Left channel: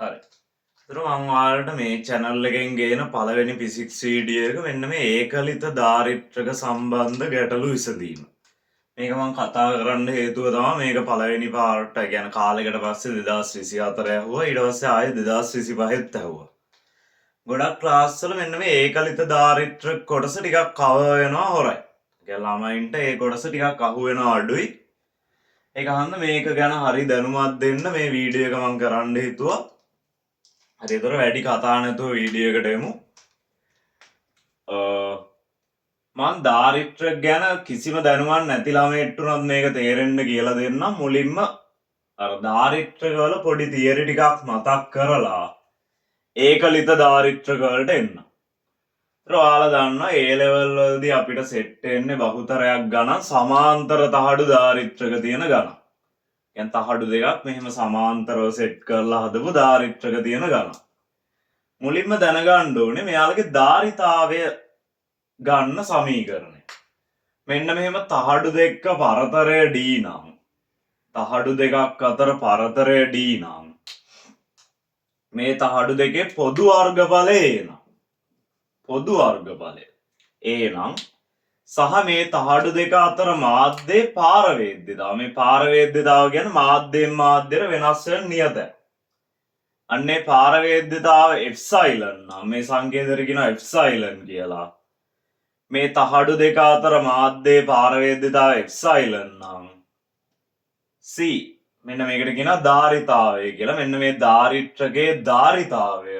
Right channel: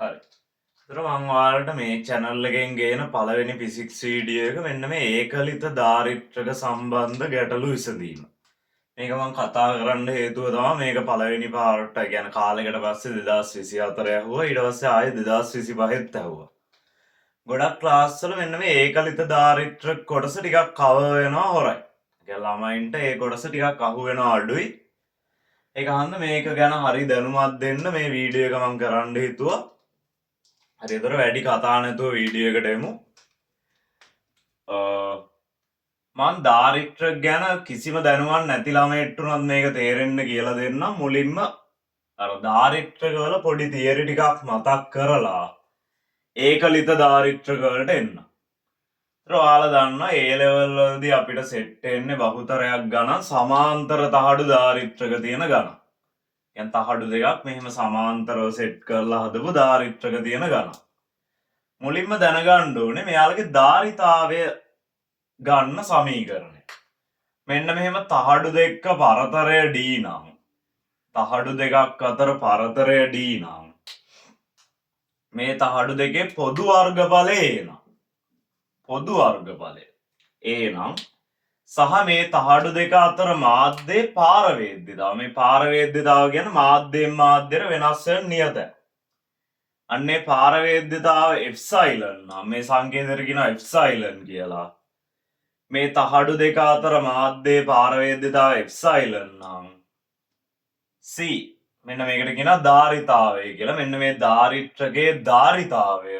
හරි. ඒතර මම ඔයාලට මේ channel එකෙන් ගේන පළවෙනි ෆිසික්ස් වීඩියෝ එක මෙන්න මේ ඒකලිත ධාරිත්‍රක සම්බන්ධ ගැටලු විසඳීම. මේක මම කතා කරන්න හේතුව තමයි මේක පළවෙනි පාර්ට් එක කියන්නේ කාලෙකට පස්සේ 2024 ඇහුවා. ඊට පස්සේ ආයෙ 2025ත් ඇහුවා. ගොඩක් ක්ලාස් වල මෙන්න මේ ඒකලිත ධාරිත්‍රක කොටස ටිකක් කවර් වෙනවා හොරයි. ඒ කියන්නේ ළමයින්ට ඒ කොටස ටිකක් අහු වෙනවා අඩුයි. ඒක හන්ද මේක ගැන හරි දැනුමක් දෙන්න මේ වීඩියෝ එක මම කරන්න හිතුවා. හරි එතකොට වැඩි කතා නැතුව වීඩියෝ එකට එමු. මම ධාරිත්‍ර ගැන කිසිම දැනුමක් නැති ළමයෙක්ට උනත් මේක තේරෙන්න කියලා දෙන්නම්. මුලින්ම අර ධාරිත්‍රක වල පොඩි තියරි ටිකක් මතක් කරලා ඒකලිත ධාරිත්‍රක වලට එන්න. ඒතර ඔයාලා දන්නවා A level වලදී අපිට සෙට් වෙන්නේ බහුතරයක් ගණන් සමාන්තර තහඩු ධාරිත්‍රක තියෙන ගණන්. يعني තහඩු දෙකක් මෙහෙම සමාන්තරව සෙට් කරලා හදපු ධාරිත්‍රක තියෙන ගණන්. මුලින්ම දැනගන්න ඕනේ මෙයාලගේ ධාරිතාවය ගන්න සමීකරණය. මෙන්න මෙහෙම තහඩු දෙක පරතරය D නම් තහඩු දෙකක් අතර පරතරය D නම් මේ තහඩු දෙකේ පොදු වර්ගඵලය A නම් පොදු වර්ගඵලය A නම් සහ මේ තහඩු දෙක අතර මාධ්‍යයේ පාරවේද්‍යතාව මේ පාරවේද්‍යතාව කියන්නේ මාධ්‍යයෙන් මාධ්‍යයට වෙනස් වෙන නියතය. අන්නේ පාරවේද්‍යතාව එප්සයිලන් නම් මේ සංකේතයට කියනවා එප්සයිලන් කියලා. මේ තහඩු දෙක අතර මාධ්‍යයේ පාරවේද්‍යතාව එප්සයිලන් නම් C මෙන්න මේකට කියනවා ධාරිතාවය කියලා. මෙන්න මේ ධාරිත්‍රකයේ ධාරිතාවය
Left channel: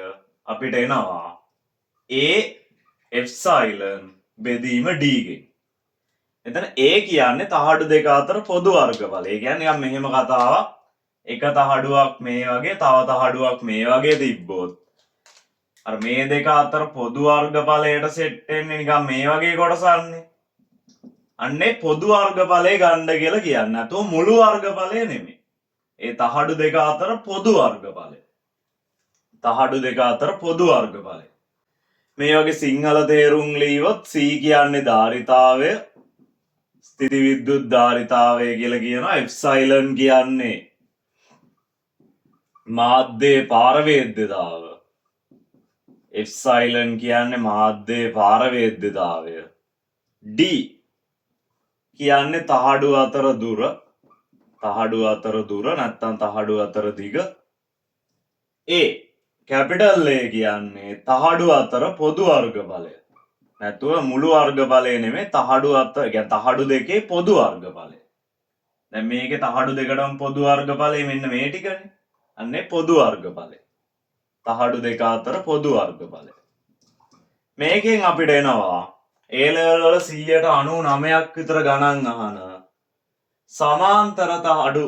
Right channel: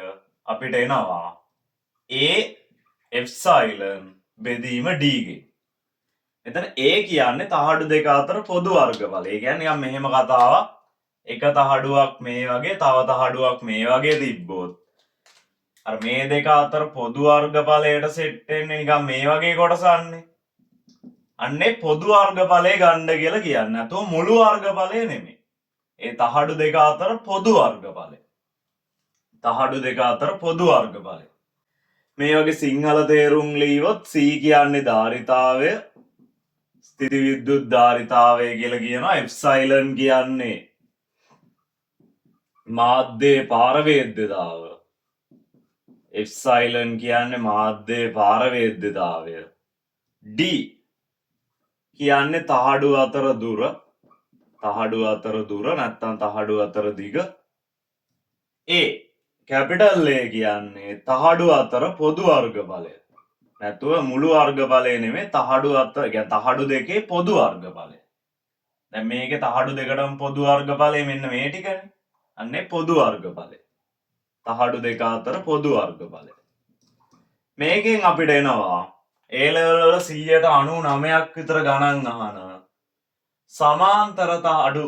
අපිට එනවා A එප්සයිලන් බෙදීම D ගෙන්. එතන A කියන්නේ තහඩු දෙක අතර පොදු වර්ගඵලය. ඒ කියන්නේ නිකන් මෙහෙම කතාවක්. එක තහඩුවක් මේ වගේ තව තහඩුවක් මේ වගේ තිබ්බොත් අර මේ දෙක අතර පොදු වර්ගඵලයට සෙට් වෙන්නේ නිකන් මේ වගේ කොටසන්නේ. අන්නේ පොදු වර්ගඵලය ගන්න කියලා කියන්නේ. නැතුව මුළු වර්ගඵලය නෙමෙයි. ඒ තහඩු දෙක අතර පොදු වර්ගඵලය. තහඩු දෙක අතර පොදු වර්ගඵලය. මේ වගේ සිංහල තේරුම් ලියවොත් C කියන්නේ ධාරිතාවය, ස්ථිති විද්‍යුත් ධාරිතාවය කියලා කියනවා. එප්සයිලන් කියන්නේ මාධ්‍යයේ පාරවේද්‍යතාව. එප්සයිලන් කියන්නේ මාධ්‍යයේ පාරවේද්‍යතාවය. D කියන්නේ තහඩු අතර දුර, තහඩු අතර දුර නැත්නම් තහඩු අතර දිග. A කැපිටල් A කියන්නේ තහඩු අතර පොදු වර්ගඵලය. නැතුව මුළු වර්ගඵලය නෙමෙයි තහඩු අතර يعني තහඩු දෙකේ පොදු වර්ගඵලය. දැන් මේකේ තහඩු දෙකටම පොදු වර්ගඵලය මෙන්න මේ ටිකනේ. අන්නේ පොදු වර්ගඵලය. තහඩු දෙක අතර පොදු වර්ගඵලය. මේකෙන් අපිට එනවා A level වල 99ක් විතර ගණන් අහන සමාන්තර තහඩු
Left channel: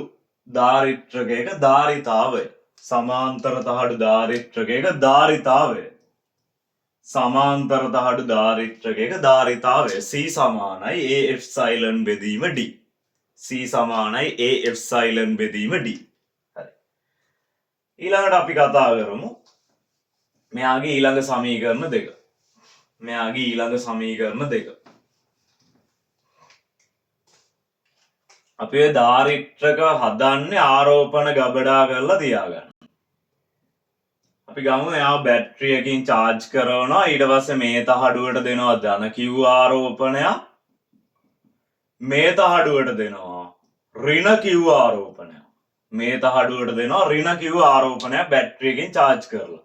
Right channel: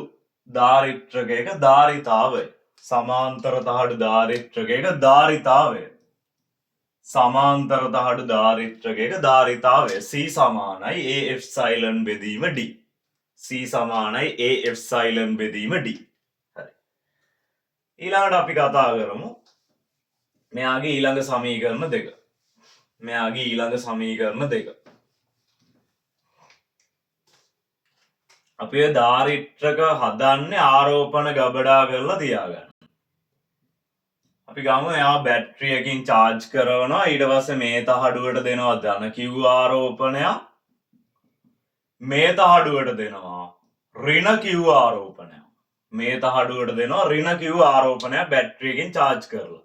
ධාරිත්‍රකයක ධාරිතාවය. සමාන්තර තහඩු ධාරිත්‍රකයක ධාරිතාවය. සමාන්තර තහඩු ධාරිත්‍රකයක ධාරිතාවය C සමානයි A එප්සයිලන් බෙදීම D. C සමානයි A එප්සයිලන් බෙදීම D. හරි. ඊළඟට අපි කතා කරමු මෙයාගේ ඊළඟ සමීකරණ දෙක. මෙයාගේ ඊළඟ සමීකරණ දෙක. අපි ඔය ධාරිත්‍රක හදන්නේ ආරෝපණ ගබඩා කරලා තියාගන්න. අපි ගමු එයා බැටරියකින් charge කරනවා ඊට පස්සේ මේ තහඩුවට දෙනවා ධන Q ආරෝපණයක් මේ තහඩුවට දෙනවා ඍණ Q ආරෝපණයක් මේ තහඩුවට දෙනවා ඍණ Q ආරෝපණයක් බැටරියකින් charge කරලා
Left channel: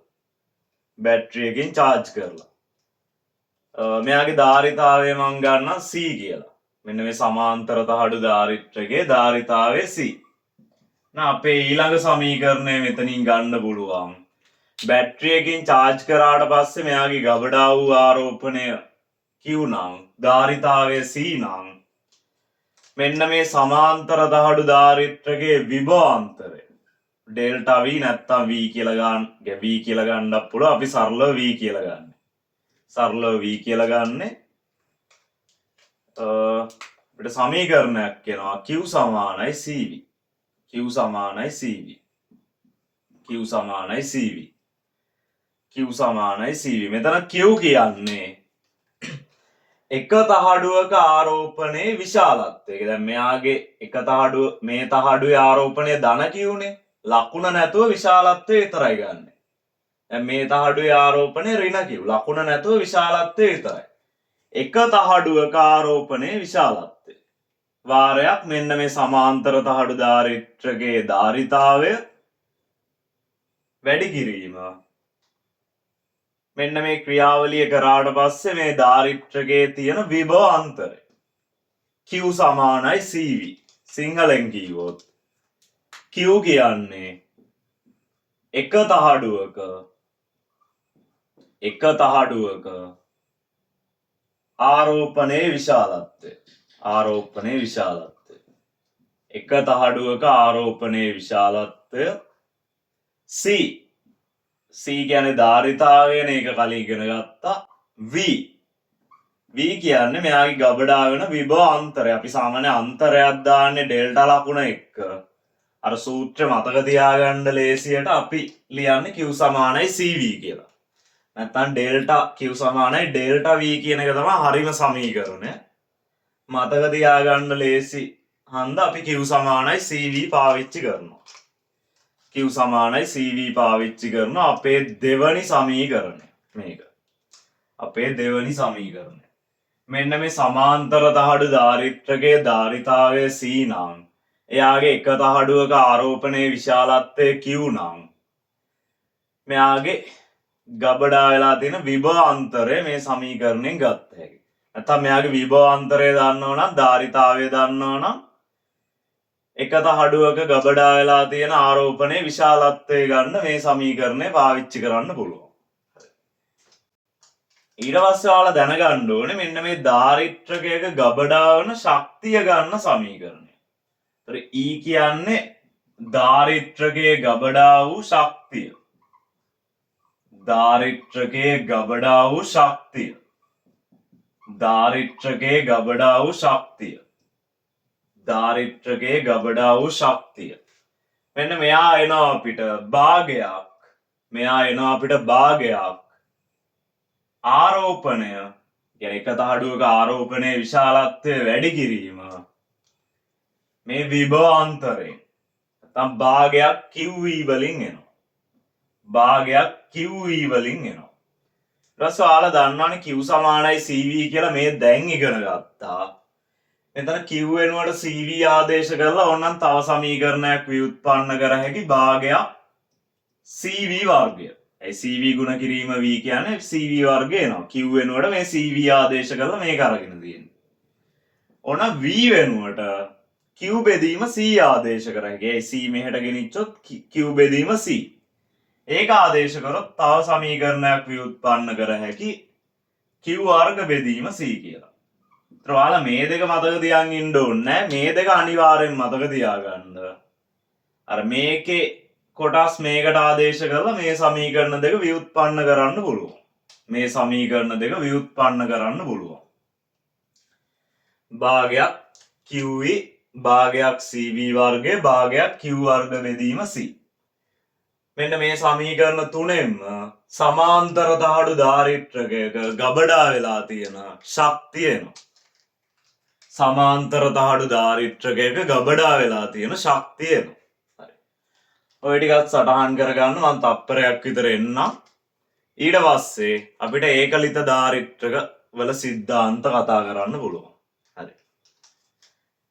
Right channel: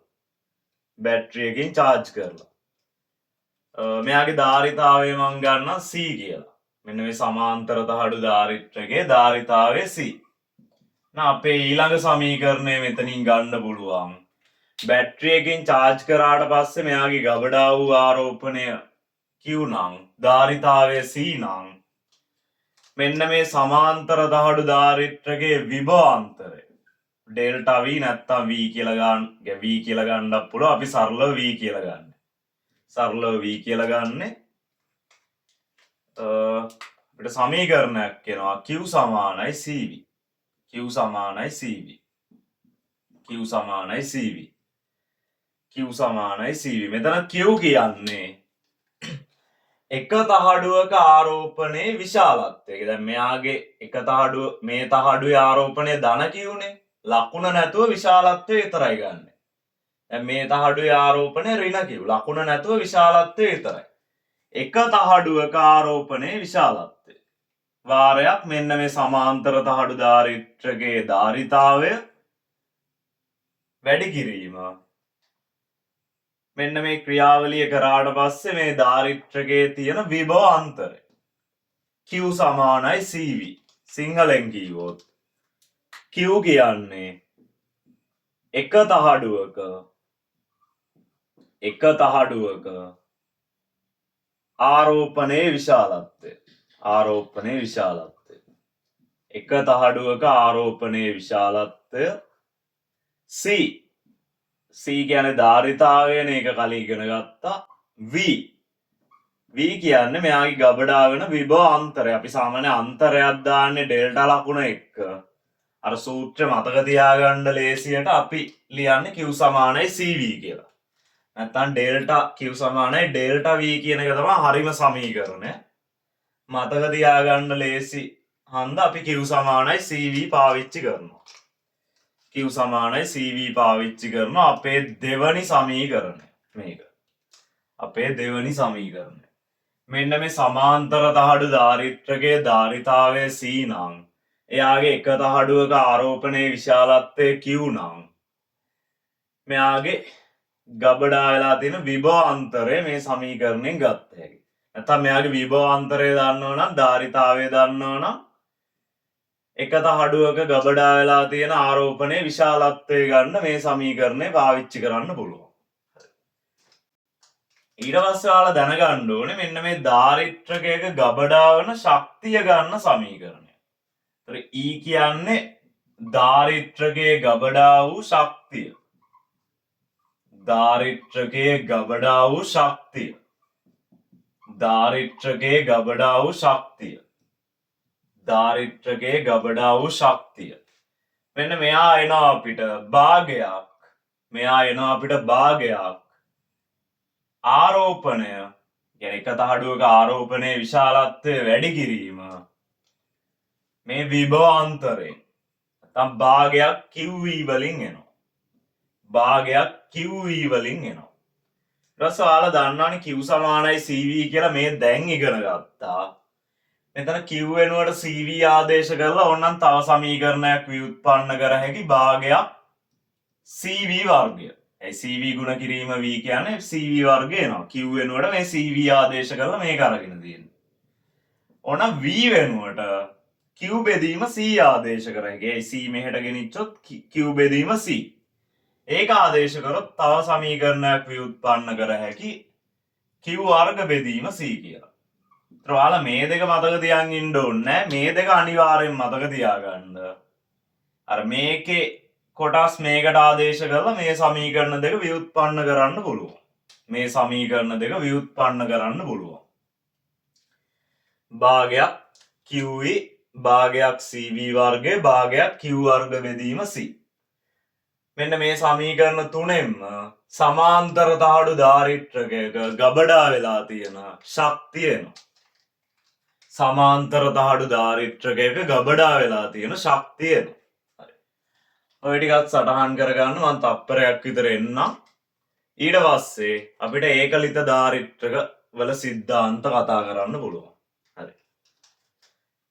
බැටරියකින් charge කරලා මෙයාගේ ධාරිතාවය මම ගන්නවා C කියලා. මෙන්න මේ සමාන්තර තහඩු ධාරිත්‍රකයේ ධාරිතාවය C. අපේ ඊළඟ සමීකරණය මෙතනින් ගන්න පුළුවන්. බැටරියකින් charge කරාට පස්සේ මෙයාගේ ගබඩා වූ ආරෝපණය Q නම් ධාරිතාවය C නම් මෙන්න මේ සමාන්තර තහඩු ධාරිත්‍රකයේ විභවාන්තරය ඩෙල්ටා V නැත්තම් V කියලා ගන්න. V කියලා ගන්නත් පුළුවන්. අපි සරලව V කියලා ගන්න. සරලව V කියලා ගන්නෙ අපිට සමීකරණයක් එනවා Q සමානයි CV. Q සමානයි CV. Q සමානයි CV. Q සමානයි CV. මෙතන Q කියන්නේ එක තහඩුවක ආරෝපණයේ විශාලත්වය. දැන් මෙයාගේ එක තහඩුව මේ තහඩුවේ ආරෝපණය ධන Q නේ. ලකුණ නැතුව විශාලත්වය විතරයි ගන්න. දැන් මේ තහඩුවේ ආරෝපණය ඍණ කිව්. ලකුණ නැතුව විශාලත්වය විතරයි. එක තහඩුවක ආරෝපණයේ විශාලත්වය. වාරයක් මෙන්න මේ සමාන්තර තහඩු ධාරිත්‍රකයේ ධාරිතාවය වැඩි කිරීම. මෙන්න මේ ක්‍රියාවලිය කරාට පස්සේ මේ ධාරිත්‍රකයේ තියෙන විභව අන්තරය Q සමානයි CV. සිංහලෙන් කිව්වොත් Q කියන්නේ එක තහඩුවක ආරෝපණයේ විශාලත්වය. එක තහඩුවක ආරෝපණයේ විශාලත්වය C. C කියන්නේ ධාරිතාවයනේ, ඒක කලින් ඉගෙන ගත්තා. V කියන්නේ මෙයාගේ ගබඩා වෙන විභව අන්තරය. අපි සාමාන්‍ය අන්තරයක් දාන්නේ ඩෙල්ටා ලකුණ එක්ක. අර සූත්‍ර මතක තියාගන්න ලේසියට අපි ලියන්නේ Q සමානයි CV කියලා. නැත්නම් ඩෙල්ටා Q සමානයි ඩෙල්ටා V කියන එක තමයි හරිම සමීකරණය. මතක තියාගන්න ලේසි හන්ද අපි Q සමානයි CV පාවිච්චි කරනවා. Q සමානයි CV පාවිච්චි කරනවා අපේ දෙවනි සමීකරණය. මේක අපේ දෙවනි සමීකරණය. මෙන්න මේ සමාන්තර තහඩු ධාරිත්‍රකයේ ධාරිතාවය C නම් එයාගේ එක තහඩුවක ආරෝපණයේ විශාලත්වය Q නම් මෙයාගේ ගබඩා වෙලා තියෙන විභව අන්තරය මේ සමීකරණයෙන් ගත්ත හැකියි. නැත්නම් මෙයාගේ විභව අන්තරය දන්නවා නම් ධාරිතාවය දන්නවා නම් එක තහඩුවක ගබඩා වෙලා තියෙන ආරෝපණයේ විශාලත්වය ගන්න මේ සමීකරණය පාවිච්චි කරන්න පුළුවන්. ඊට පස්සේ ඔයාලා දැනගන්න ඕනේ මෙන්න මේ ධාරිත්‍රකයක ගබඩා වෙන ශක්තිය ගන්න සමීකරණය. ඒතර E කියන්නේ ධාරිත්‍රකයේ ගබඩා වූ ශක්තිය. ධාරිත්‍රකයේ ගබඩා වූ ශක්තිය. ධාරිත්‍රකයේ ගබඩා වූ ශක්තිය. ධාරිත්‍රකයේ ගබඩා වූ ශක්තිය. මෙන්න මෙයා එනවා අපිට භාගයක්. මෙයා එනවා අපිට භාගයක්. ආරෝපණය කියන්නේ එක තහඩුවක ආරෝපණයේ විශාලත්වය වැඩි කිරීම මේ විභව අන්තරයෙන් නැත්නම් භාගයක් QV වලින් එනවා. භාගයක් QV වලින් එනවා. ඊට පස්සේ ඔයාලා දන්නවනේ Q සමානයි CV කියලා මේ දැන් ඉගෙන ගත්තා. මෙතන Q වෙනුවට CV ආදේශ කරලා ඕනනම් තව සමීකරණයක් ව්‍යුත්පන්න කර හැකි භාගයක් CV වර්ගය. ඒ CV ගුණ කිරීම V කියන්නේ CV වර්ගය එනවා. Q වෙනුවට මේ CV ආදේශ කරලා මේක අරගෙන තියෙන්නේ. ඕන V වෙනුවට Q බෙදීම C ආදේශ කර හැකි. ඒ C මෙහෙට ගෙනිච්චොත් Q බෙදීම C. ඒක ආදේශ කරොත් තව සමීකරණයක් ව්‍යුත්පන්න කර හැකි Q වර්ග බෙදීම C කියලා. ඒතර ඔයාලා මේ දෙක මතක තියාගෙන ඉන්න ඕනේ. මේ දෙක අනිවාර්යෙන් මතක තියාගන්න. අර මේකේ කොටස් මේකට ආදේශ කරලා මේ සමීකරණ දෙක ව්‍යුත්පන්න කරන්න පුළුවන්. මේ සමීකරණ දෙක ව්‍යුත්පන්න කරන්න පුළුවන්. භාගයක් QV භාගයක් CV වර්ගය භාගයක් Q වර්ග බෙදීම C. මෙන්න මේ සමීකරණ තුනෙන්ම සමාන්තර තහඩු ධාරිත්‍රකයක ගබඩා වෙලා තියෙන ශක්තිය එනවා. සමාන්තර තහඩු ධාරිත්‍රකයක ගබඩා වෙලා තියෙන ශක්තිය එනවා. ඔය ටිකත් සටහන් කරගන්න මම තප්පරයක් විතර එන්නම්. ඊට පස්සේ අපිට ඒකලිත ධාරිත්‍රක වල සිද්ධාන්ත කතා කරන්න පුළුවන්. හරි.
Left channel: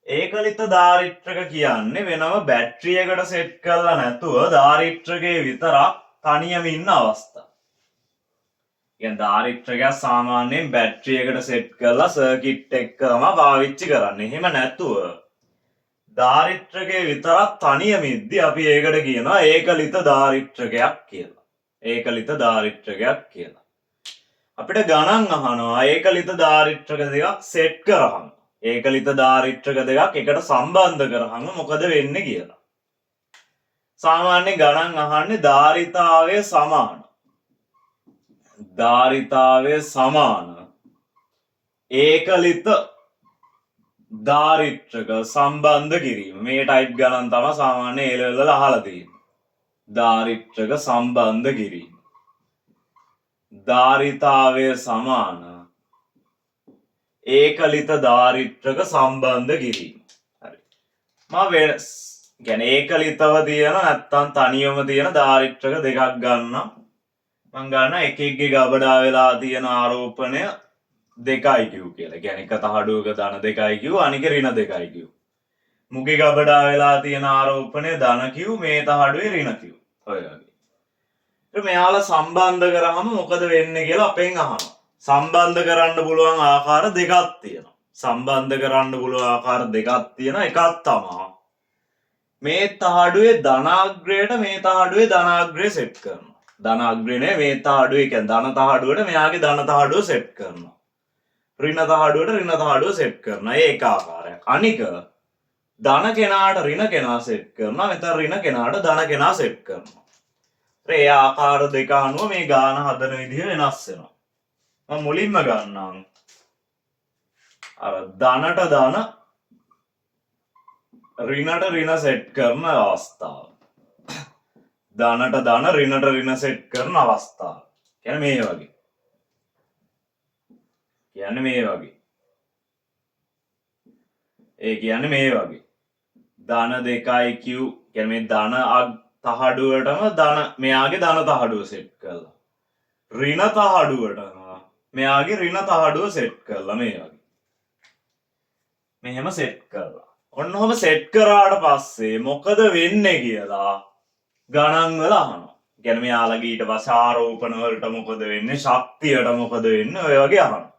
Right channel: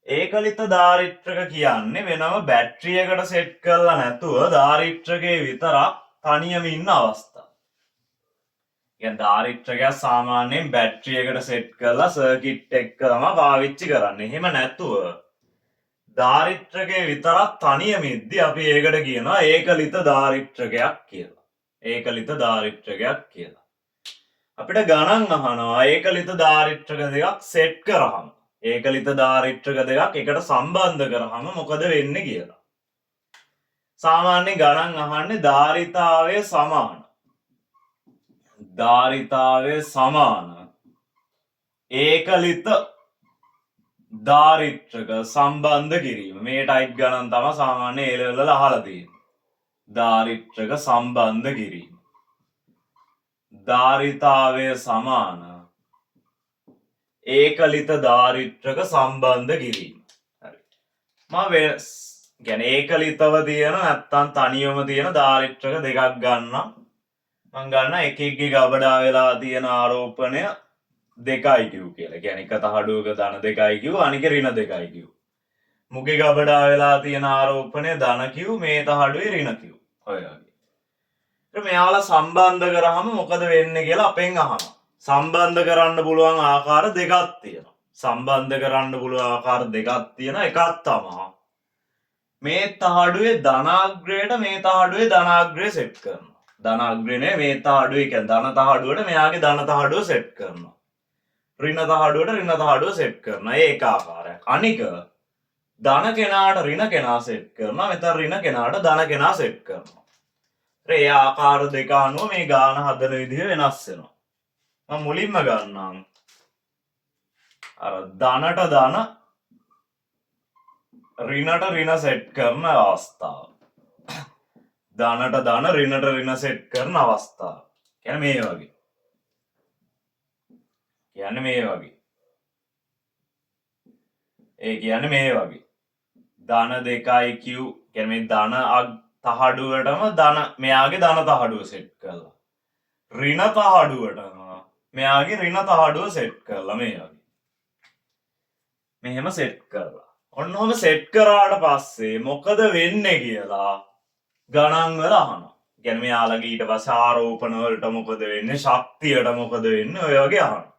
ඒකලිත ධාරිත්‍රක කියන්නේ වෙනම බැටරියකට සෙට් කරලා නැතුව ධාරිත්‍රකයේ විතරක් තනියම ඉන්න අවස්ථාව. කියන්නේ ධාරිත්‍රකයක් සාමාන්‍යයෙන් බැටරියකට සෙට් කරලා සර්කිට් එක තමයි පාවිච්චි කරන්නේ. එහෙම නැතුව ධාරිත්‍රකයේ විතරක් තනියම ඉද්දි අපි ඒකට කියනවා ඒකලිත ධාරිත්‍රකයක් කියලා. ඒකලිත ධාරිත්‍රකයක් කියලා. අපිට ගණන් අහනවා ඒකලිත ධාරිත්‍රක දෙකක් සෙට් කරාම ඒකලිත ධාරිත්‍රක දෙකක් එකට සම්බන්ධ කරාම මොකද වෙන්නේ කියලා. සාමාන්‍ය ගණන් අහන්නේ ධාරිතාවය සමාන. ධාරිතාවය සමාන ඒකලිත ධාරිත්‍රක සම්බන්ධ කිරීම. මේ ටයිප් ගණන් තමයි සාමාන්‍ය A level වල අහලා තියෙන්නේ. ධාරිත්‍රක සම්බන්ධ කිරීම. ධාරිතාවය සමාන ඒකලිත ධාරිත්‍රක සම්බන්ධ කිරීම. හරි. මම කියන්නේ ඒකලිතව තියෙන නැත්තම් තනියම තියෙන දාරිත්‍රක දෙකක් ගන්නම්. මම ගන්න එක එකගේ ගබඩා වෙලා තියෙන ආරෝපණය 2යි කිව් කියලා. කියන්නේ එක තහඩුවක ධන 2යි කිව් අනික ඍණ 2යි කිව්. මුගේ ගබඩා වෙලා තියෙන ආරෝපණය ධන කිව් මේ තහඩුවේ ඍණ කිව්. ඔය වගේ. ඊට මෙයාලා සම්බන්ධ කරාම මොකද වෙන්නේ කියලා අපෙන් අහනවා. සම්බන්ධ කරන්න පුළුවන් ආකාර දෙකක් තියෙනවා. සම්බන්ධ කරන්න පුළුවන් ආකාර දෙකක් තියෙනවා. එකක් තමයි මේ තහඩුවේ ධනාග්‍රයට මේ තහඩුවේ ධනාග්‍රය සෙට් කරනවා. ධනාග්‍රේ මේ තහඩුවේ කියන්නේ ධන තහඩුවට මෙයාගේ ධන තහඩුව සෙට් කරනවා. ඍණ තහඩුවට ඍණ තහඩුව සෙට් කරනවා. ඒ එක ආකාරයක්. අනික ධන කෙනාට ඍණ කෙනා සෙට් කරනවා. මෙතන ඍණ කෙනාට ධන කෙනා සෙට් කරනවා. ඒ ආකාර දෙක අනුව මේ ගාන හදන විදිහ වෙනස් වෙනවා. මම මුලින්ම ගන්නම් අර ධනට ධන ඍණට ඍණ සෙට් කරන අවස්ථාව. ධනට ධන ඍණට ඍණ සෙට් කරන අවස්ථාව. කියන්නේ මේ වගේ. කියන්නේ මේ වගේ. ඒ කියන්නේ මේ වගේ. ධන 2යි q කියන්නේ මේ ධන තහඩුවටම ධන මෙයාගේ ධන තහඩුව සෙට් කරලා. ඍණ තහඩුවට මෙයාගේ ඍණ තහඩුව සෙට් කරලා මේ වගේ. මෙහෙම සෙට් කරලා. ඔන්න ඔහම සෙට් කරාට පස්සේ මොකද වෙන්නේ කියලා ගණන් වල අහනවා. කියන්නේ මෙයාලගේ ඊට පස්සේ ආරෝපණ වලට මොකද වෙන්නේ? ශක්තියට මොකද වෙන්නේ? ඔය වගේ අහනවා.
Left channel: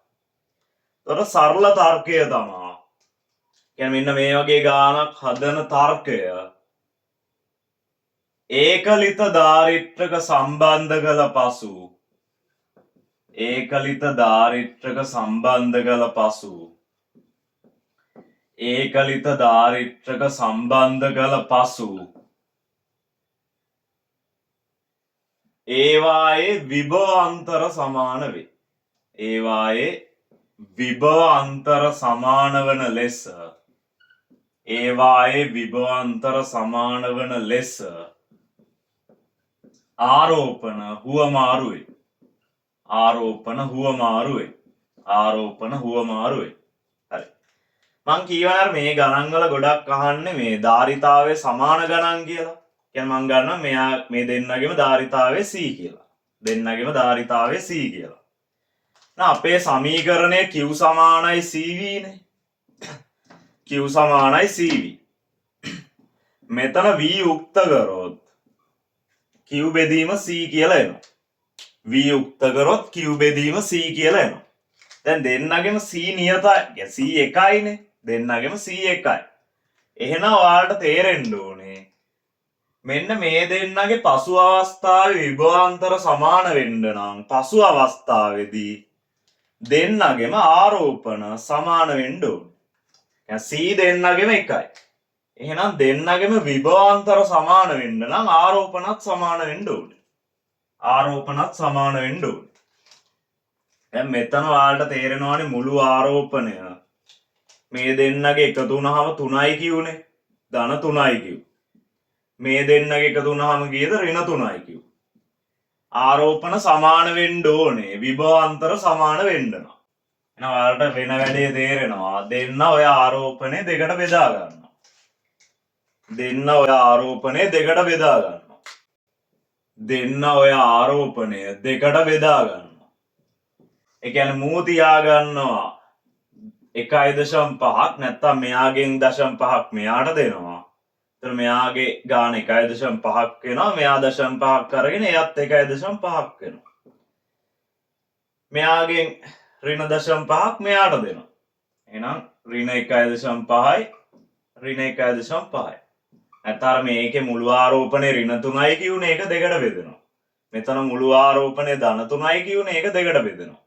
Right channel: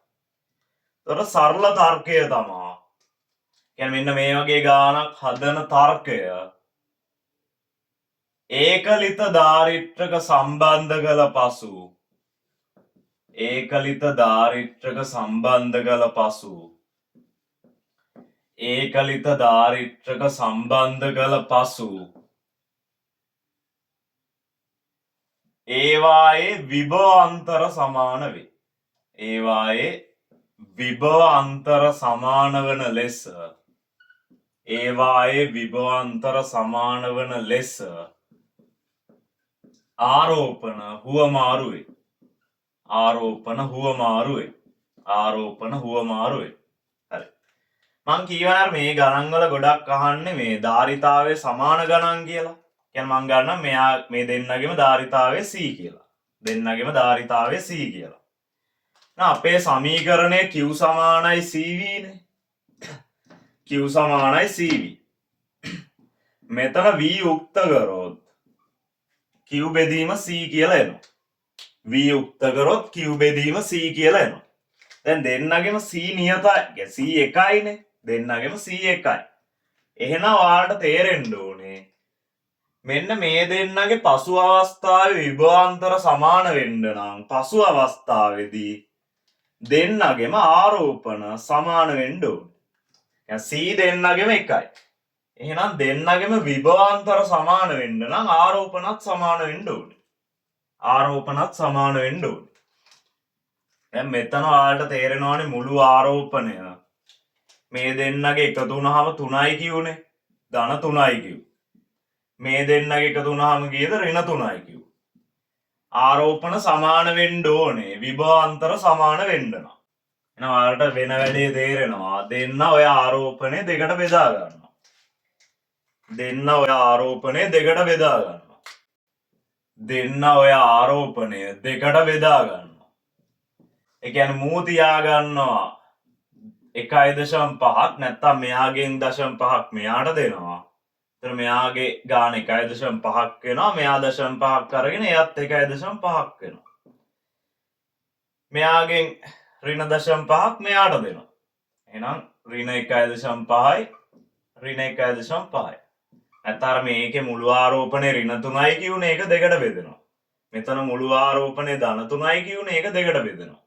ඒතර සරල තර්කය තමයි. කියන්නේ මෙන්න මේ වගේ ගානක් හදන තර්කය ඒකලිත දාරිත්‍රක සම්බන්ධ කළ පසු ඒකලිත දාරිත්‍රක සම්බන්ධ කළ පසු ඒකලිත දාරිත්‍රක සම්බන්ධ කළ පසු ඒවායේ විභව අන්තර සමාන වේ. ඒවායේ විභව අන්තර සමාන වන ලෙස ඒවායේ විභව අන්තර සමාන වන ලෙස ආරෝපණ හුවමාරු වේ. ආරෝපණ හුවමාරු වේ. ආරෝපණ හුවමාරු වේ. හරි. මං කියවන මේ ගණන් වල ගොඩක් අහන්නේ මේ ධාරිතාවයේ සමාන ගණන් කියලා. කියන්නේ මං ගන්නවා මෙයා මේ දෙන්නගෙම ධාරිතාවයේ c කියලා. දෙන්නගෙම ධාරිතාවයේ c කියලා. අපේ සමීකරණය q සමානයි cv නේ. q සමානයි cv. මෙතන v යුක්ත කරොත් q බෙදීම c කියලා එනවා. v යුක්ත කරොත් q බෙදීම c කියලා එනවා. දැන් දෙන්නගෙම c නියතයි. c එකයිනේ. දෙන්නගෙම c එකයි. එහෙනම් ඔයාලට තේරෙන්න ඕනේ මෙන්න මේ දෙන්නගේ පසු අවස්ථාවේ විභවාන්තර සමාන වෙන්න නම් පසු අවස්ථාවේදී දෙන්නගෙම ආරෝපණ සමාන වෙන්න ඕනේ. c දෙන්නගෙම එකයි. එහෙනම් දෙන්නගෙම විභවාන්තර සමාන වෙන්න නම් ආරෝපණත් සමාන වෙන්න ඕනේ. ආරෝපණත් සමාන වෙන්න ඕනේ. දැන් මෙතන ඔයාලට තේරෙනවානේ මුළු ආරෝපණය මේ දෙන්නගේ එකතු වුණාම 3යි කියුනේ. ධන 3යි කියු. මේ දෙන්නගේ එකතු වුණාම කීයද? ඍණ 3යි කියු. ආරෝපණ සමාන වෙන්න ඕනේ. විභවාන්තර සමාන වෙන්න නම්. එහෙනම් ඔයාලට වෙන වැඩේ තේරෙනවා. දෙන්න ඔය ආරෝපණය දෙකට බෙදා ගන්නවා. දෙන්න ඔය ආරෝපණය දෙකට බෙදා ගන්නවා. දෙන්න ඔය ආරෝපණය දෙකට බෙදා ගන්නවා. ඒ කියන්නේ මූ තියා ගන්නවා 1.5ක් නැත්තම් මෙයාගෙන් 0.5ක් මෙයාට දෙනවා. එතන මෙයාගේ ගාන 1.5ක් වෙනවා. මෙයා 0.5ක් අරගෙන එයත් 1.5ක් වෙනවා. මෙයාගෙන් ඍණ 0.5ක් මෙයාට දෙනවා. එහෙනම් ඍණ 1.5යි ඍණ 1.5යි. නැත්නම් මේකේ මුළු ආරෝපණය ඍණ 3යි කියුනේ ඒක දෙකට බෙදෙනවා. මෙතන මුළු ආරෝපණය ධන 3යි කියුනේ ඒක දෙකට බෙදෙනවා.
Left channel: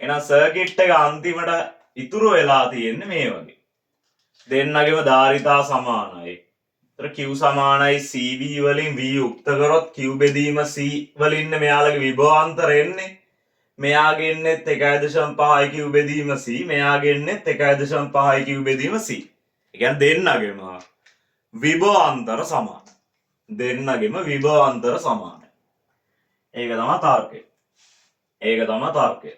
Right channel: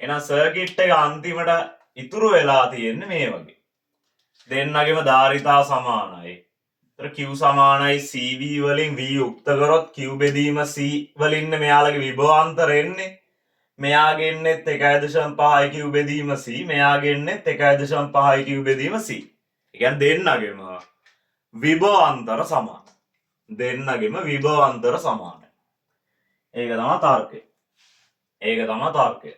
එහෙනම් සර්කිට් එක අන්තිමට ඉතුරු වෙලා තියෙන්නේ මේ වගේ. දෙන්නගෙම ධාරිතා සමානයි. ඒතර q සමානයි cv වලින් v යුක්ත කරොත් q බෙදීම c වලින් මෙයාලගේ විභවාන්තර එන්නේ. මෙයාගෙන්නෙත් 1.5යි q බෙදීම c මෙයාගෙන්නෙත් 1.5යි q බෙදීම c. ඒ කියන්නේ දෙන්නගෙම විභවාන්තර සමාන. දෙන්නගෙම විභවාන්තර සමානයි. ඒක තමයි තර්කය. ඒක තමයි තර්කය.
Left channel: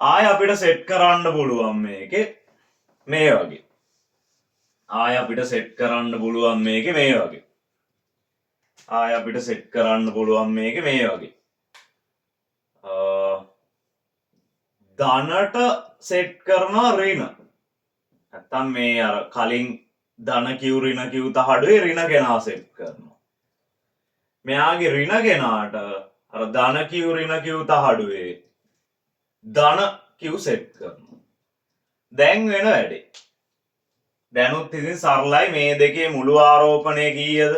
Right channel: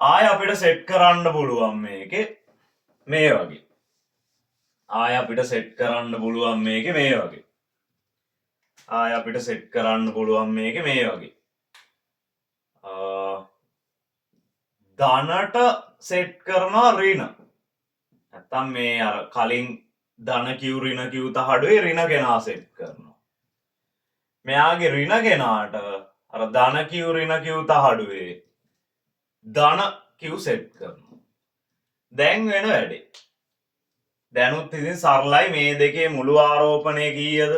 ආය අපිට සෙට් කරන්න පුළුවන් මේකේ මේ වගේ. ආය අපිට සෙට් කරන්න පුළුවන් මේකේ මේ වගේ. ආය අපිට සෙට් කරන්න පුළුවන් මේකේ මේ වගේ. ධනට සෙට් කරනවා ඍණ. නැත්තම් මේ අර කලින් ධන Q ඍණ Q තහඩුවේ ඍණ කෙනා සෙට් කරනවා. මෙයාගේ ඍණ කෙනාට අර ධන Q ඍණ Q තහඩුවේ ධන Q සෙට් කරනවා. දැන් වෙන වැඩේ. දැනුත් ඉතින් සරලයි මේ දෙකේ මුළු ආරෝපණය කීයද?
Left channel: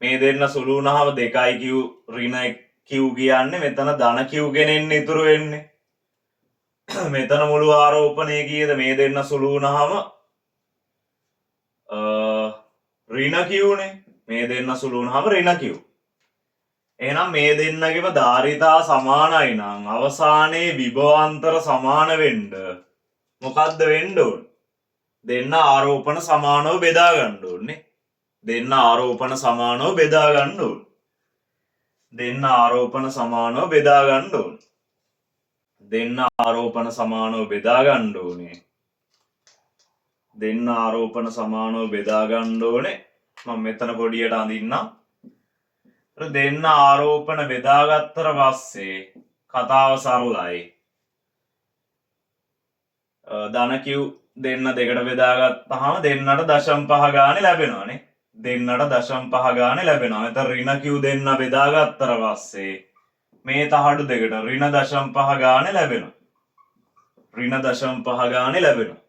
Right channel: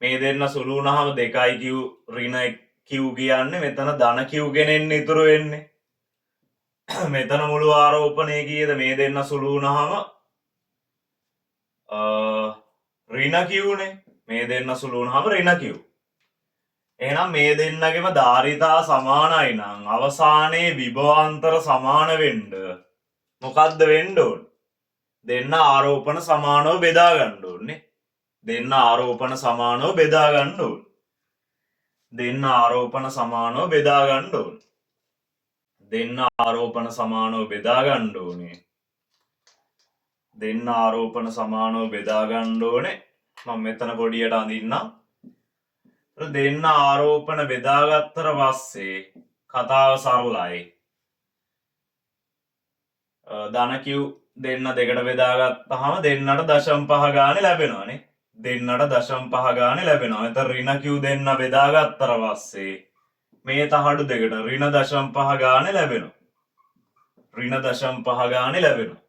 මේ දෙන්න සුළු වුණාම 2යි Q ඍණ Q කියන්නේ මෙතන ධන Q ගෙනෙන්න ඉතුරු වෙන්නේ. මෙතන මුළු ආරෝපණය කීයද? මේ දෙන්න සුළු වුණාම ඍණ Q නේ. මේ දෙන්න සුළු වුණාම ඍණ Q. එහෙනම් මේ දෙන්නගේම ධාරිතා සමානයි නම් අවසානයේ විභවාන්තර සමාන වෙන්න මොකද්ද වෙන්න ඕනේ? දෙන්න ආරෝපණ සමානව බෙදා ගන්න ඕනේ. දෙන්න ආරෝපණ සමානව බෙදා ගන්න ඕනේ. දෙන්න ආරෝපණ සමානව බෙදා ගන්න ඕනේ. දෙන්න ආරෝපණ සමානව බෙදා ගන්න ඕනේ. දෙන්න ආරෝපණ සමානව බෙදා ගන්න ඕනේ. මම මෙතන පොඩියට අඳින්නම්. දෙන්න ආරෝපණ බෙදාගත්තට පස්සේ කතාව සරලයි. ධන Q දෙන්න දෙකට බෙදාගත්තාම දෙන්නට 0.5 ගානේ ලැබෙනවානේ. දෙන්නට 0.5 ගානේ ලැබෙනවා. එතන ඍණ Q දෙන්න බෙදාගත්තට පස්සේ මේ තහඩු දෙකට ඍණ 0.5 ගානේ ලැබෙනවා. ඍණ 0.5 ගානේ ලැබෙනවා.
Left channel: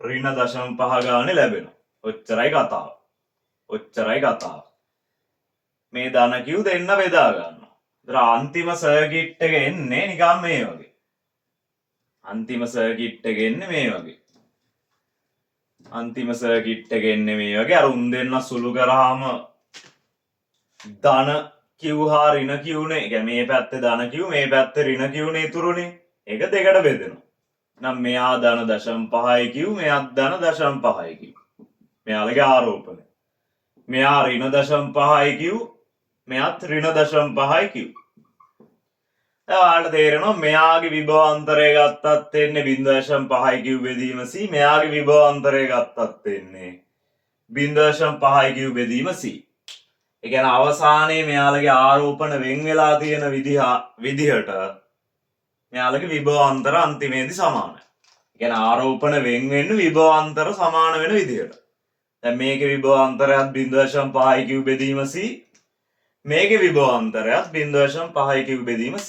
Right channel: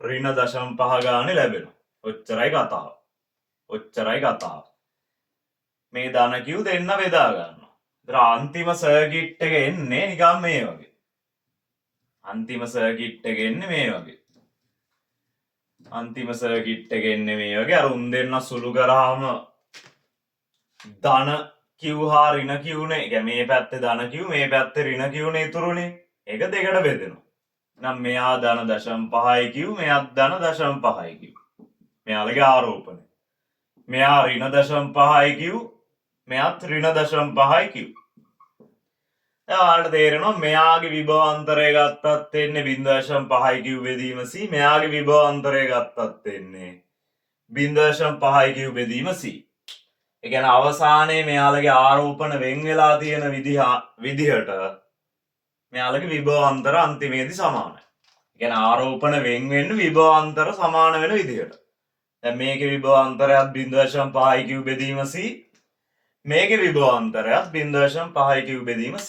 ඍණ 0.5 ගානේ ලැබෙනවා. ඔච්චරයි කතාව. ඔච්චරයි කතාව. මේ ධන Q දෙන්න බෙදා ගන්නවා. ඒතර අන්තිම සර්කිට් එක එන්නේ නිකන් මේ වගේ. අන්තිම සර්කිට් එක එන්නේ මේ වගේ. අන්තිම සර්කිට් එක එන්නේ මේ වගේ. අර උන් දෙන්න සුළු කරාම ධන Q හා ඍණ Q නේ. ඒ කියන්නේ මේ පැත්තේ ධන Q මේ පැත්තේ ඍණ Q නේ ඉතුරුනේ. ඒක දෙකට බෙදෙනවා. නම් මෙයා ධන 0.5යි Q මෙයාත් ධන 0.5යි Q. මෙයාලගේ ආරෝපණය. මෙයා ඍණ 0.5යි Q මෙයාත් ඍණ 0.5යි Q. ඔයාලට තේරෙනවා මෙයාගේ විභවාන්තරය ගත්තත් එන්නේ 0.5යි Q බෙදීම C. මෙයාගේ විභවාන්තරය ගත්තත් එන්නේ 0.5යි Q බෙදීම C. ඒ කියන්නේ අවසානයේ මෙයාලගේ ආරෝපණ වෙන් වෙලා තියෙන විදිහට මෙයාලගේ විභවාන්තර අන්තිමේදී සමානයි. ඒ කියන්නේ ආරෝපණ වෙන් වෙන්නේ විභවාන්තර සමාන වෙන විදිහට. දැන් මේකේ විභවාන්තරයත් 0.5යි Q බෙදීම C. මේකේ විභවාන්තරයත් 0.5යි Q බෙදීම C.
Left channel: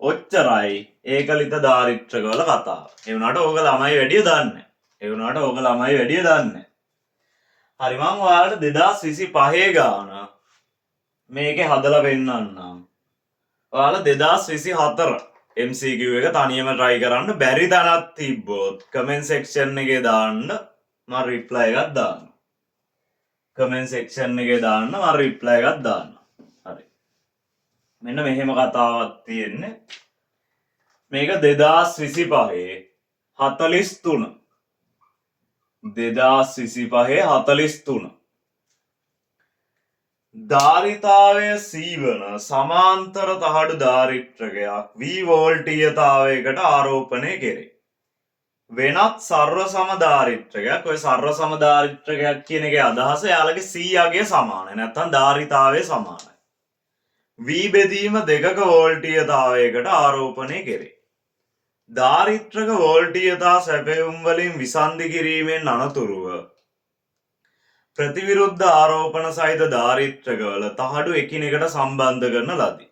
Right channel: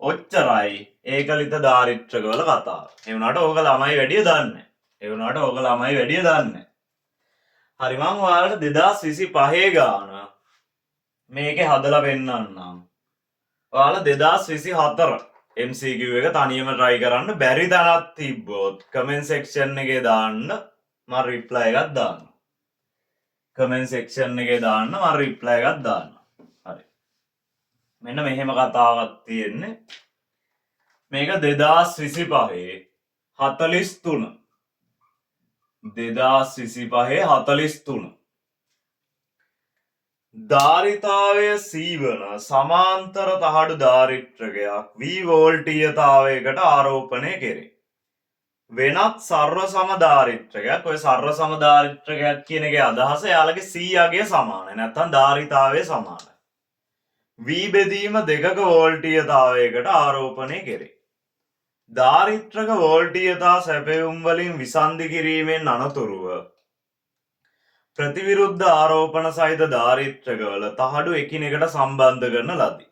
ඔච්චරයි ඒකලිත ධාරිත්‍රකවල කතාව. ඒ වුණාට ඕක ළමයි වැඩිය දන්නේ. ඒ වුණාට ඕක ළමයි වැඩිය දන්නේ. හරි මම ඔයාලට 2025 ගාන මේකේ හදලා පෙන්නන්නම්. ඔයාලා 2024 MCQ එක තනියම try කරන්න බැරි තැනක් තිබ්බොත් comment section එකේ දාන්න මම reply එකක් දාන්න. comment section එකේ දාන්න මම reply එකක් දාන්න. හරි. මෙන්න මෙහෙම කතාවක් තියෙන්නේ. මේක 2025 43 2025 ධාරිතාවය C වන සමාන්තර තහඩු ධාරිත්‍රකයක් V වෝල්ටීයතාවයකට ආරෝපණය කෙරේ. වෙනත් සර්ව සම ධාරිත්‍රකයක් ඔය සර්ව සම ධාරිත්‍රකයක් කියන එකේ අදහස යාළගේ C අගය සමානයි නැත්නම් ධාරිතාවය සමානයි. V බෙදීම 2ක වෝල්ටීයතාවයකට ආරෝපණය කෙරේ. ධාරිත්‍රක වෝල්ටීයතා සැපයුම් වලින් විසන්ධි කිරීමෙන් අනතුරුව ප්‍රතිවිරුද්ධ ආරෝපණ සහිත ධාරිත්‍රකවල තහඩු එකිනෙකට සම්බන්ධ කරන ලදී.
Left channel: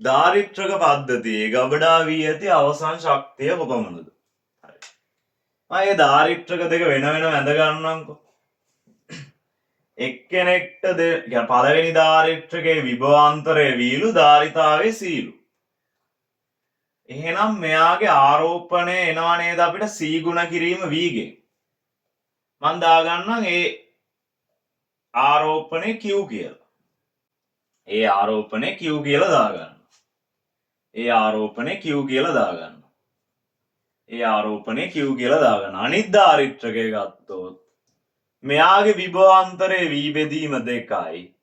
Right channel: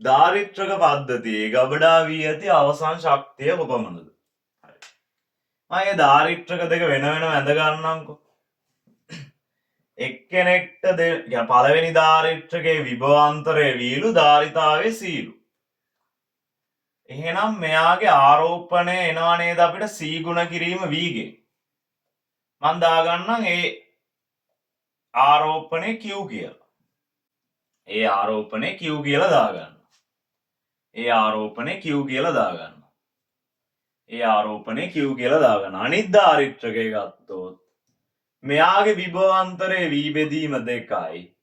ධාරිත්‍රක පද්ධතියේ ගබඩා වී ඇති අවසන් ශක්තිය කොපමණද? හරි. මේ ධාරිත්‍රක දෙක වෙන වෙනම ඇඳ ගන්නම්කෝ. එක්කෙනෙක්ට පළවෙනි ධාරිත්‍රකයේ විභවාන්තරය වීලු ධාරිතාවේ සීලු. එහෙනම් මෙයාගේ ආරෝපණය එනවා නේද අපිට C ගුණ කිරීම V ගෙන්. මම දාගන්නම් ඒ ආරෝපණය Q කියලා. ඒ ආරෝපණය Q කියලා දාගන්න. ඒ ආරෝපණය Q කියලා දාගන්න. ඒ ආරෝපණය Q කියලා දාගන්න. අනිත් ධාරිත්‍රකය ගත්තොත් මෙයාගේ විභවාන්තරයේ V බෙදීම 2යි.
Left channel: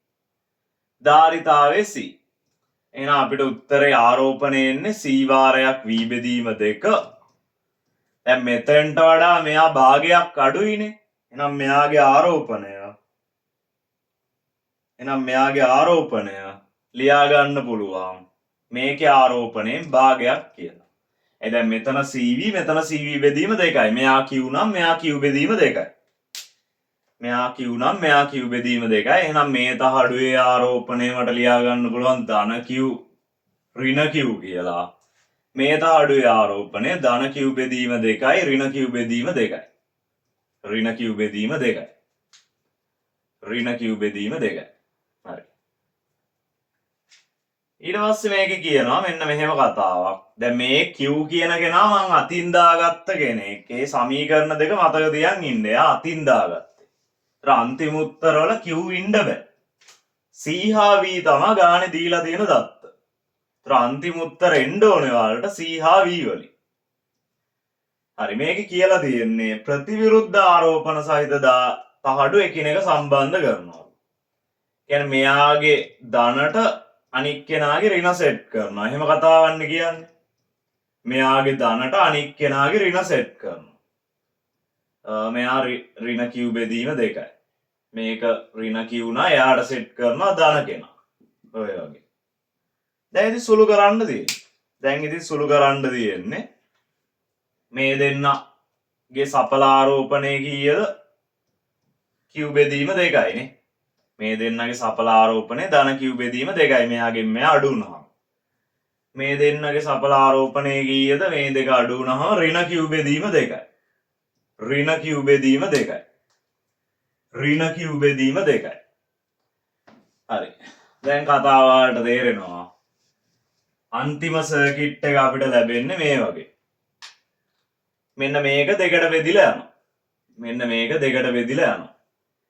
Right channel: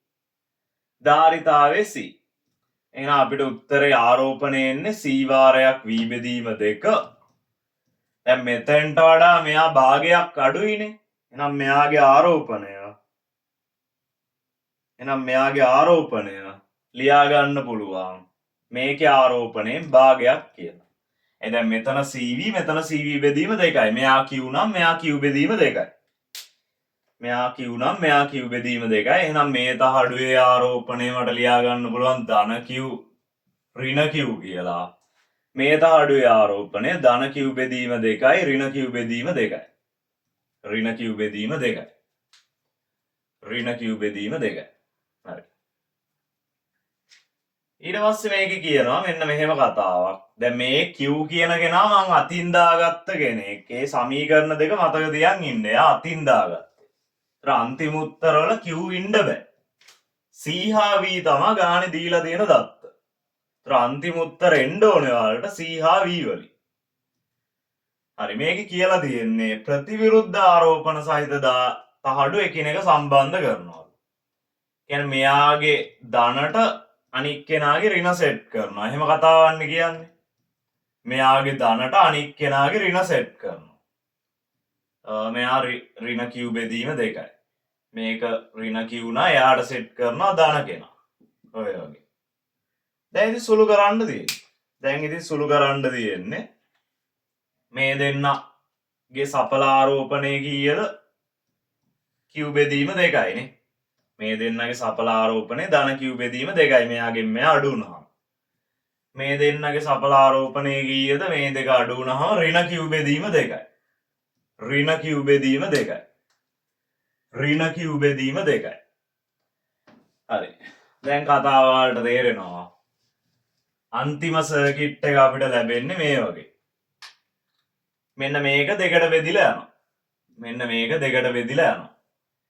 ධාරිතාවේ C. එහෙනම් අපිට උත්තරේ ආරෝපණය එන්නේ C වාරයක් V බෙදීම 2 දැන් මෙතෙන්ට වඩා මෙයා භාගයක් අඩුයිනේ. එහෙනම් මෙයාගේ ආරෝපණය ලියා ගන්න පුළුවන්. මේකේ ආරෝපණයෙන් භාගයක් කියලා. දැන් මෙතන CV මෙතන CV බෙදීම 2යි. මෙයා Q නම් මෙයා Q බෙදීම 2යි. මෙයා Q නම් මෙයා Q බෙදීම 2යි. එහෙනම් මේ තහඩුවේ ආරෝපණය මට ලියා ගන්න පුළුවන් ධන Q ඍණ Q කියලා. මේ තහඩුවේ ආරෝපණය ධන Q බෙදීම 2යි ඍණ Q බෙදීම 2යි. ඍණ Q බෙදීම 2යි. ඍණ Q බෙදීම 2යි. හරි. ඊට පස්සේ මේකේ කියනවා මෙන්න මෙහෙම කතාවක්. දැන් මේ Q කියන කෙනා මං අතින් දාගත්ත කෙනෙක්. ඒ සමීකරණ දෙක මතක තියන් ඉන්න. එයා අතින් දාගත්තේ. ඒතර අන්තිම උත්තර වල Q ඉන්න බෑ. C හා V තමයි ගානේ දීලා තියෙන දත්ත. ඒතර අන්තිම උත්තර එන්න ඕනේ ඔයාලට C හා V වලින්. හරි මේකේ කියලා තියෙන්නේ ප්‍රතිවිරුද්ධ ආරෝපණ සහිත තහඩු එකිනෙක සම්බන්ධ කරනවා. කියන්නේ මෙයාගේ ධනට අනික් කෙනාගේ ඍණ සෙට් කරනවා. එහෙම කතාවන්නේ කියන්නේ. මෙයාගේ ධනට අනික් කෙනාගේ ඍණ සෙට් කරනවා. මෙයා ඍණ Q බෙදීම 2යි. මේක ඍණ Q නා එයාට සෙට් කරනවා ධන කෙනා. ඔය වගේ. දැන් ඉතින් සුළු කරන්න තියෙන්නේ. මේ දෙන්නගේ සඵල ආරෝපණය කීයද? Q බෙදීම 2යිනේ. මේ දෙන්නගේ සඵල ආරෝපණය ධන Q බෙදීම 2යි. මෙයාගෙන් මෙයා අඩු වුණාම. මේ දෙන්නගේ සඵල ආරෝපණය කීයද? මේ දෙක අඩු වුණාම ඍණ Q බෙදීම 2යි. ඍණ Q බෙදීම 2යි. ඍණ Q බෙදීම 2යි. හරි. දැන් කතාව වලට තේරෙනවා. අන්තිම සර්කිට් එක අපිට ලැබෙන්නේ මේ වගේ. මෙන්න මේක දෙකට බෙදිලා යනවා. මෙන්න මේක දෙකට බෙදිලා යනවා.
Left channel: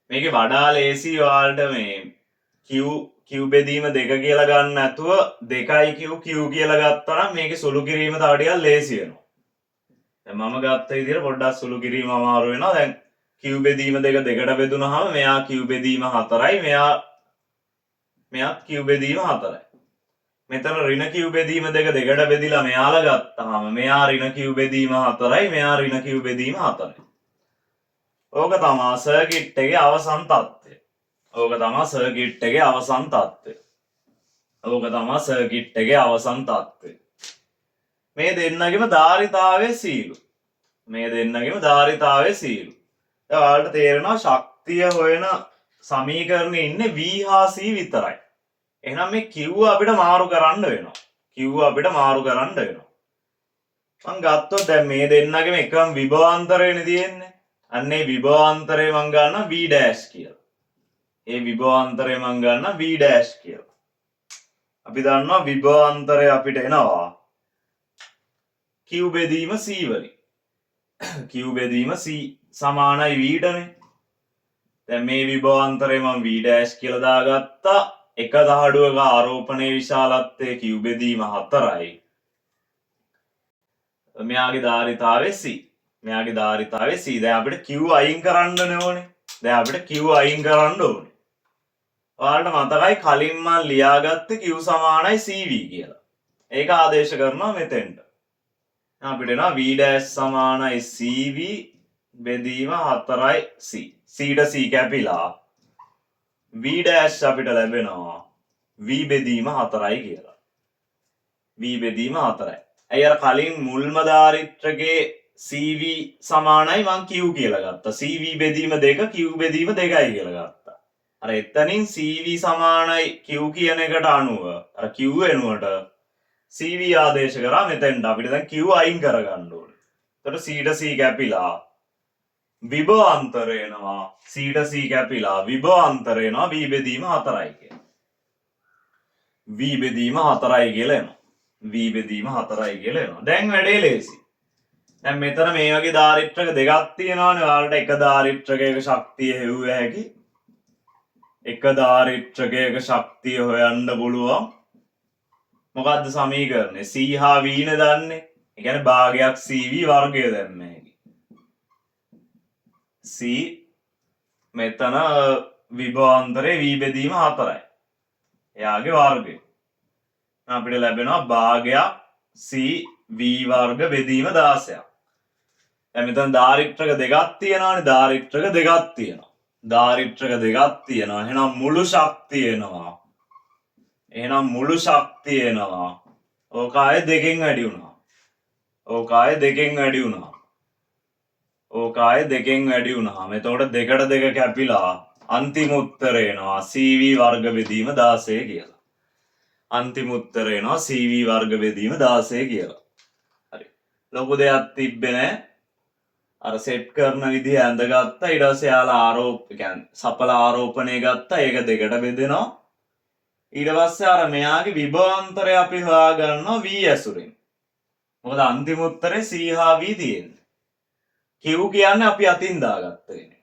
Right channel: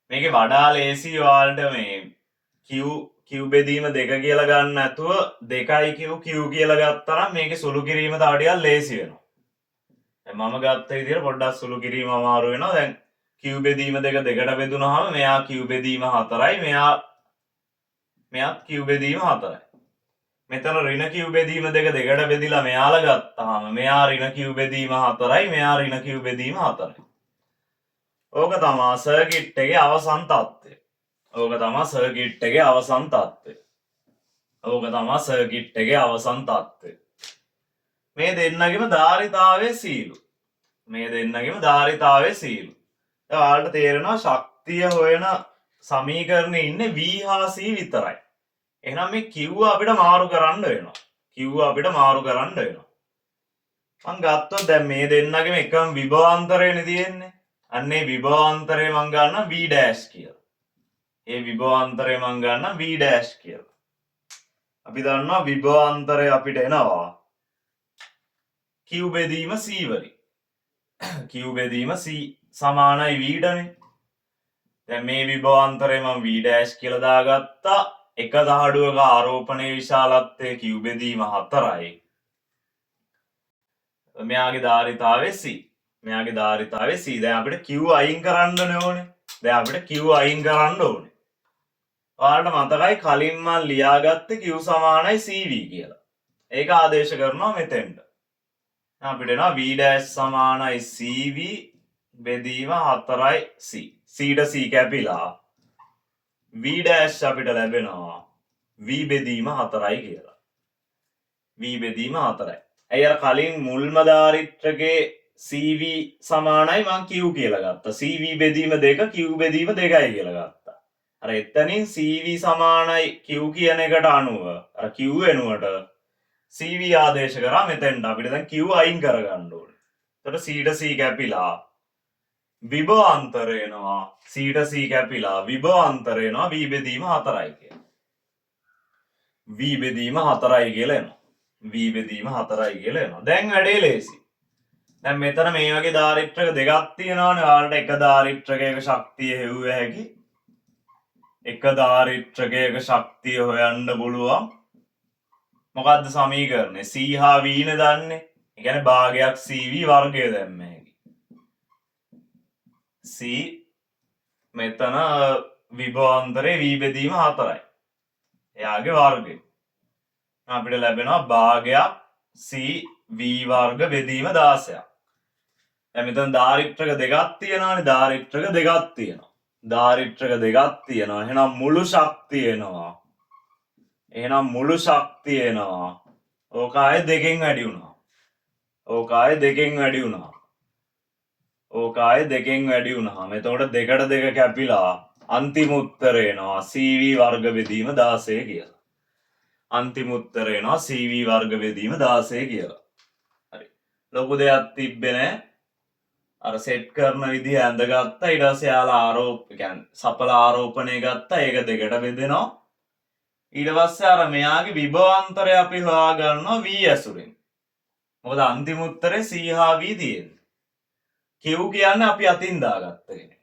මේකේ වඩා ලේසි ඔයාලට මේ Q බෙදීම 2 කියලා ගන්න නැතුව 2යි Q කියලා ගත්තා නම් මේකේ සුළු කිරීම තව ටිකක් ලේසි වෙනවා. දැන් මම ගත්ත විදිහට පොඩ්ඩක් සුළු කිරීම අමාරු වෙනවා. දැන් Q බෙදීම 2 දෙකට බෙදුනහම මෙයා Q බෙදීම 4යි මෙයාත් Q බෙදීම 4යි. මෙතන ඍණ Q බෙදීම 2 දෙකට බෙදිලා මෙයාලා ගත්තාම මෙයා ඍණ Q බෙදීම 4යි මෙයා ඍණ Q බෙදීම 4යි. ඕක තමා සර්කිට් එකේ අවසන් තත්ත්වය. මේ දෙන්නගෙම ධාරිතාවයේ සීලු. දැන් ඔයාලට තේරෙනවා ශක්තිය හොයන සමීකරණේ ඉන්නේ V හා C විතරයි. එහෙනම් මේ Q අපිට මාරු කරන්න වෙනවා. මං ගත්තොත් දැන් මේ දෙන්නගෙම එකම විභවාන්තරයනේ තියෙන්නේ. අන්නේ විභවාන්තරය මං ගන්න V dash කියලා. ඒ විභවාන්තරය මං ගන්න V dash කියලා. අපි දන්නවා විභවාන්තරය අපිට එනවා Q බෙදීම C වලින්. Q බෙදීම C සමානයි V ටනේ. දැන් මේ විභවාන්තරය මං V dash කියලා දාගත්තා. එක දහඩුවක ආරෝපණයේ විශාලත්වය Q බෙදීම 4යි. මෙයාගේ ධාරිතාවය C. දැන් අපිට Q අයින් කරන්න ඕනේ. ඔයාලට මතකයි කලින් මම ලියාගත්තේ Q සමානයි CV කියලා. ඒක ආදේශ කරනවා මෙතෙන්ට. අපිට එනවා V dash සමානයි CV බෙදීම 4යි C. C ට C කැපිලා V dash අපිට ලැබෙනවා V බෙදීම 4යි කියලා. ඇයි අර කලින් මුල්ම ධාරිත්‍රකේ CV සමානයි මං Q කියලා ගත්තා. CV බෙදීම 2 Q බෙදීම 2යි කියලා ගත්තා. අර එතනින් CV සමානයි Q කියන එකට අනුව අර Q වෙනුවට CV ආදේශ කරා මෙතෙන්ට අපිට දැන් Q අයින් කරගන්න ඕනේ. එතකොට C ට C කැපිලා විභවාන්තරය එනවා. V බෙදීම 4යි කියලා. V බෙදීම 4යි කියලා එනවා. දැන් වැඩේ ලේසි. දැන් මෙතන මේ වගේ ධාරිත්‍රක දෙකක් තියෙනවනේ. ඔයාලට එක ධාරිත්‍රකයක ශක්තිය හෙව්ව හැකි. එක ධාරිත්‍රකයක ශක්තිය හොයන්න පුළුවන්. මොකද්ද සමීකරණය? C හා V නේ දන්නේ. ඒ කියන්නේ භාගයක් CV වර්ගය දැම්ම හැකි. C මෙතන විභවාන්තරේ V බෙදීම 4යි. එයාගේ වර්ගය. අපිට ලැබෙනවා භාගයක් C V වර්ග බෙදීම 16ක්. දැන් මෙතන ධාරිත්‍රක දෙකක් තියෙනවානේ. ධාරිත්‍රක දෙකක් තියෙනවා. ධාරිත්‍රක දෙකක් තියෙනවා. එහෙනම් මුළු ශක්තිය එනවා. එහෙනම් මුළු ශක්තිය එනවා. ඕක ආයේ දෙකෙන් වැඩි වුණා. ඕක ආයේ දෙකෙන් වැඩි වුණා. ඕක ආයේ දෙකෙන් වැඩි වුණාම එතකොට දෙකට දෙක කැපිලා අන්තිම උත්තරය එනවා CV වර්ග බෙදීම 16 කියලා. අන්තිම උත්තරය එනවා CV වර්ග බෙදීම 16 කියලා. හරි. ලොකු දෙයක් තිබ්බේ නැහැ. අර සෙට් කරන විදිහ ඇඳගත්තා. ඊට පස්සේ යාලා කියන්නේ සපල ආරෝපණය ගත්තා. ඒක දෙකට බෙදෙනවා. ඊට පස්සේ අර මෙයාගේ විභවාන්තරය අපි හොයාගන්නවා V ඇසුරෙන්. මොකද අන්තිම උත්තරේ C හා V තියෙන්නේ. Q කියන්නේ අපි අතින් දාගත්ත කෙනෙක්.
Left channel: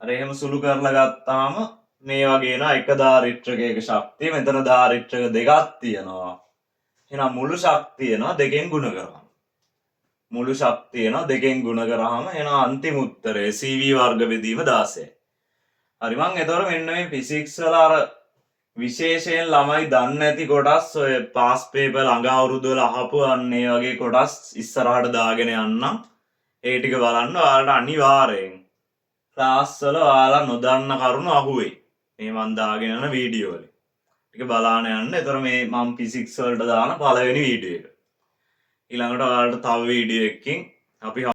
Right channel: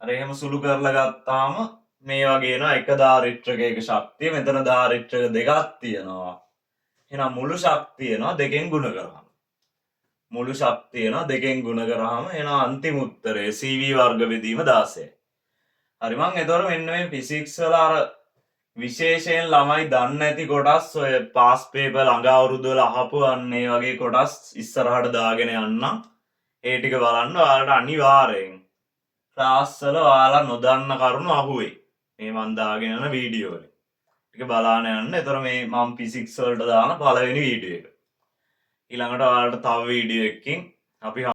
අර එහෙම සුළු කරලා ගත්තාම මේ වගේ එනවා එක ධාරිත්‍රකයක ශක්තිය. මෙතන ධාරිත්‍රක දෙකක් තියෙනවා. එහෙනම් මුළු ශක්තිය එනවා දෙකෙන් ගුණ කරාම. මුළු ශක්තිය එනවා දෙකෙන් ගුණ කරාම එනවා අන්තිම උත්තරේ CV වර්ග බෙදීම 16. හරි මං එතකොට මෙන්න මේ ෆිසික්ස් වල අර විශේෂයෙන් ළමයි දන්නේ නැති කොටස් ඔය පාස් පේපර් ළඟ අවුරුදු වල අහපු අන්න ඒ වගේ කොටස් ඉස්සරහට දාගෙන යන්න. ඒ ටික බලන්න ඔයාලට අනිවාර්යෙන් ක්ලාස් වල ඔයාලා නොදන්න කරුණු අහුවේ. මේ මන් දාගෙන යන වීඩියෝ වල. ටික බලාන යන්න. ඒතර මේ මම ෆිසික්ස් වලට දාන පළවෙනි වීඩියෝ එක. ඊළඟට ඔයාලට තව වීඩියෝ එකකින් අපි